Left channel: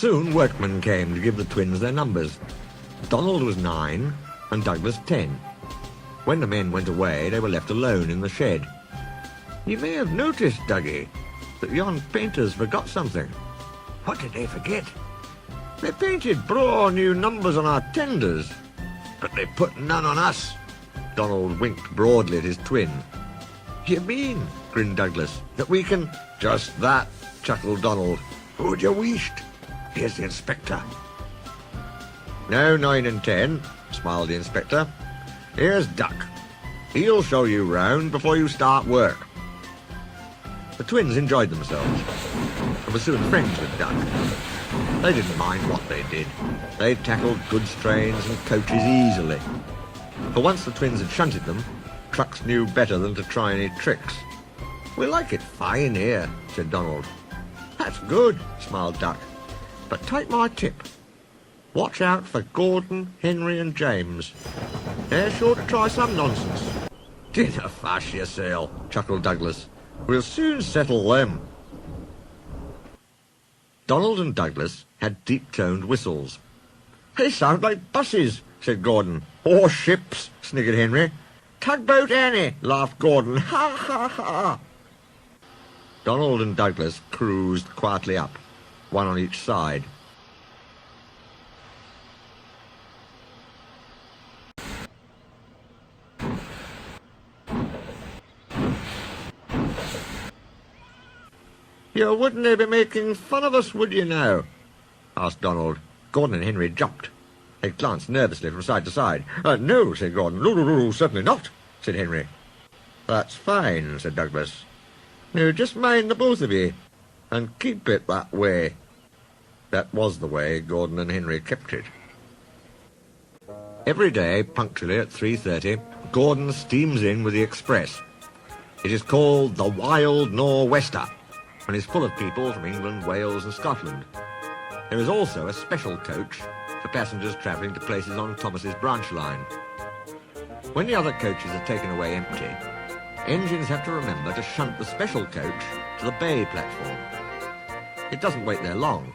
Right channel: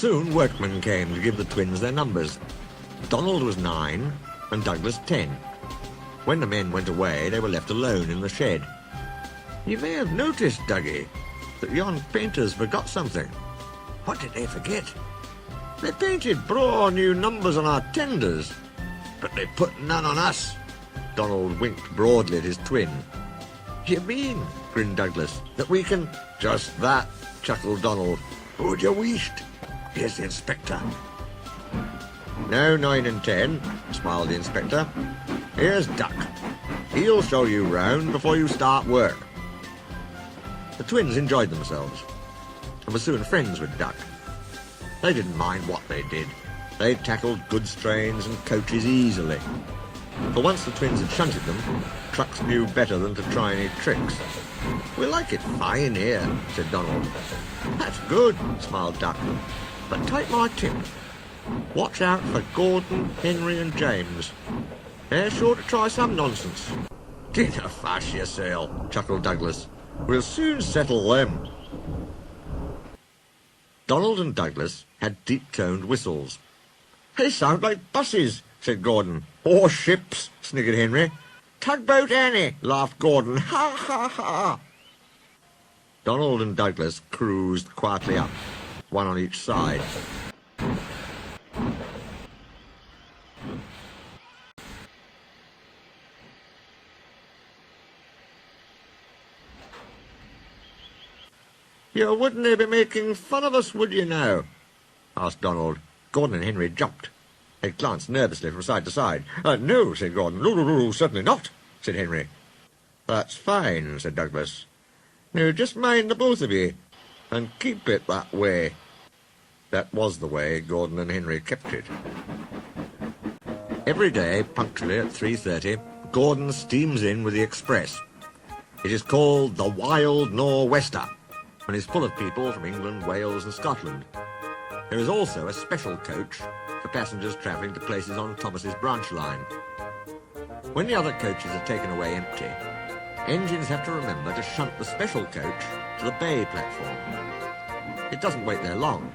Soon workmen came to give the twins their numbers. Donald was 9 and Douglas 10. When the men went away, they were left alone in the shed. You may have noticed, Dougie, that yon painters forgot something. What did they forget? They painted braw new numbers on our tenders, but they put none on us. Donald winked broadly at his twin. You mean, grinned Douglas, that we can... Just that, chuckled Donald. Who'd you wished? Here's the inspector. No 9 and 10, smiled the inspector. Here's Duck. He'll show you round before you start work. The twins enjoyed themselves and were soon friends with Duck. They didn't mind what they did. They tackled goods trains and coaches easily. For once the twins had shunted them, trucks knew better than to try any tricks. We like it fine here, said Donald. That's good, smiled Duck. But take my tip. Watch out for Gordon, Henry and James. They're sure to try some nonsense. Get a fuss yourself, chuckled Douglas. We'll soon settle them. Donald and Douglas had deep-toned whistles. They sound like buses, said Gordon. Or ships, sniggered Henry. Tugboat Annie, laughed Gordon. Ha, ha, ha. Donald and Douglas cruised quietly up, one on each side. You wouldn't be making fun of us, would you now? Asked Donald. Gordon and Henry jumped. They glanced nervously from side to side. No, said Gordon. No, certainly not, said Henry. That's fine, said Douglas. You just mind the both of you, and keep it that way. That was the way Gordon and Henry kept it. Every day, punctually at 3:30, Gordon steams in with the express. It is called the Wild Nor'Wester, and is full of people from England, Wales and Scotland. There is also a special coach for passengers travelling to places on Thomas's branch line. When the other coaches are taken away empty, engines have to remember to shunt the special coach to the bay platform. It doesn't wait there long.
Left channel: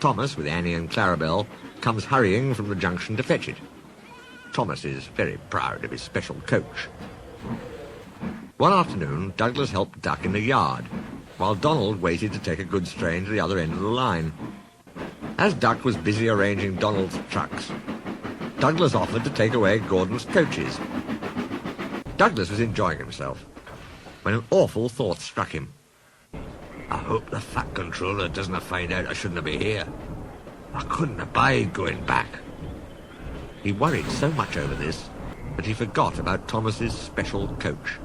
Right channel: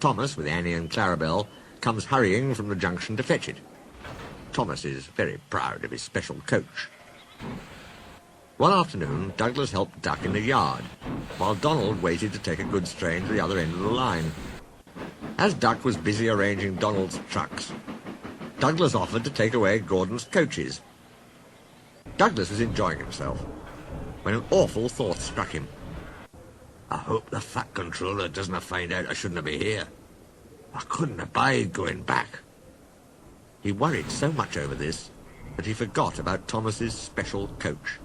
Thomas, with Annie and Clarabelle, comes hurrying from the junction to fetch it. Thomas is very proud of his special coach. One afternoon, Douglas helped Duck in the yard, while Donald waited to take a goods train to the other end of the line. As Duck was busy arranging Donald's trucks, Douglas offered to take away Gordon's coaches. Douglas was enjoying himself when an awful thought struck him. I hope the Fat Controller doesn't find out I shouldn't be here. I couldn't abide going back. He worried so much over this that he forgot about Thomas's special coach.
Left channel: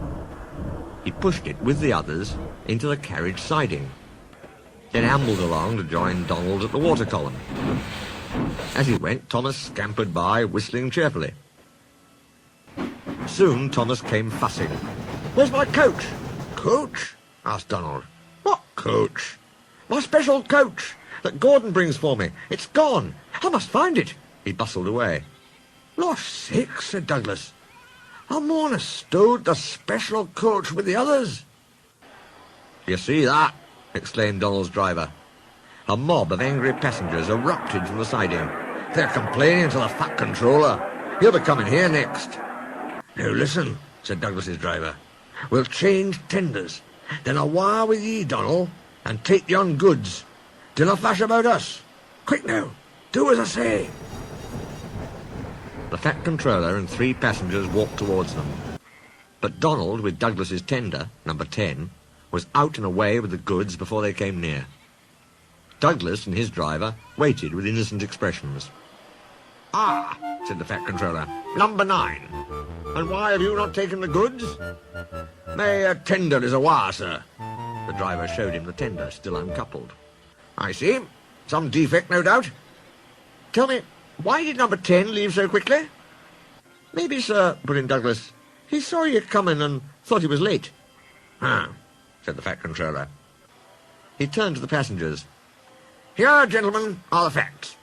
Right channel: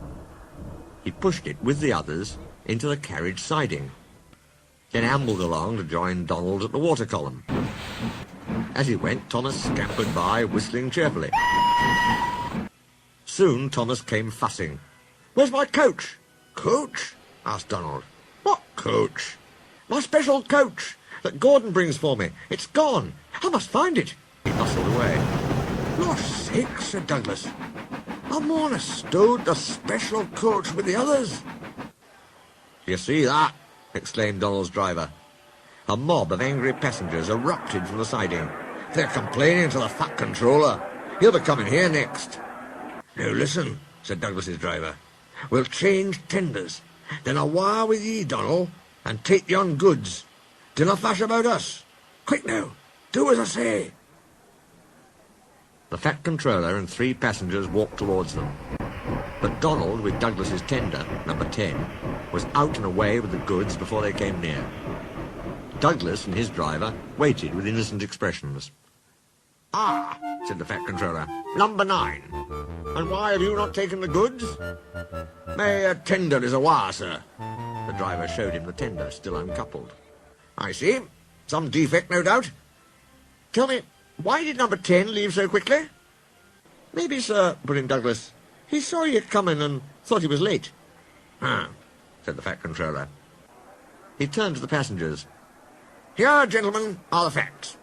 He pushed it with the others into the carriage siding, then ambled along to join Donald at the water column. As he went, Thomas scampered by, whistling cheerfully. Soon Thomas came fussing. Where's my coach? Coach? Asked Donald. What coach? My special coach that Gordon brings for me. It's gone. I must find it. He bustled away. Lost sakes, said Douglas. I'm on a stowed the special coach with the others. You see that? Exclaimed Donald's driver. A mob of angry passengers erupted from the siding. They're complaining to the Fat Controller. He'll be coming here next. Now listen, said Douglas's driver. We'll change tenders. Then I'll wire with ye, Donald, and take yon goods. Dinna fash about us. Quick now, do as I say. The Fat Controller and 3 passengers walked towards them. But Donald, with Douglas's tender, number 10, was out and away with the goods before they came near. Douglas and his driver waited with innocent expressions. Ah, said the Fat Controller, number 9. And why have you not taken the goods? My tender is awa, sir. The driver showed him the tender, still uncoupled. I see. Some defect, no doubt. Tell me, why did number 10 leave so quickly? Maybe, sir, put in Douglas, he saw you coming and thought he was late. Said the Fat Controller. He turned to the passengers. Here, gentlemen, are the facts.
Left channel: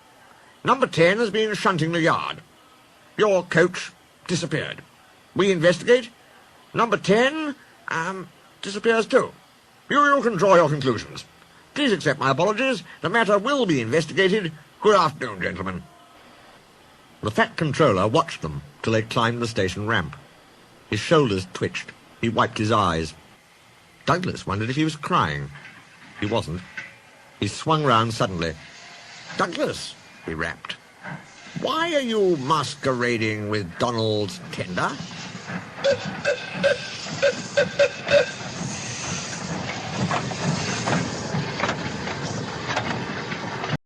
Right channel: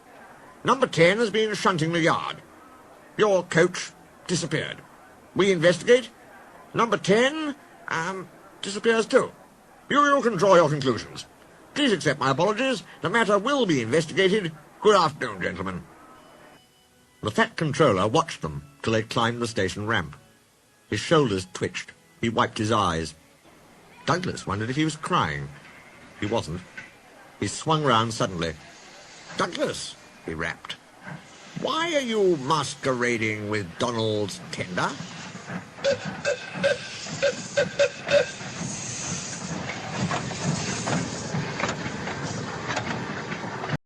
Number 10 has been shunting the yard. Your coach disappeared. We investigate. Number 10, disappears too. You can draw your conclusions. Please accept my apologies. The matter will be investigated. Good afternoon, gentlemen. The fat controller watched them till they climbed the station ramp. His shoulders twitched. He wiped his eyes. Douglas wondered if he was crying. He wasn't. He swung round suddenly. "Douglas," he rapped, "why are you masquerading with Donald's tender?"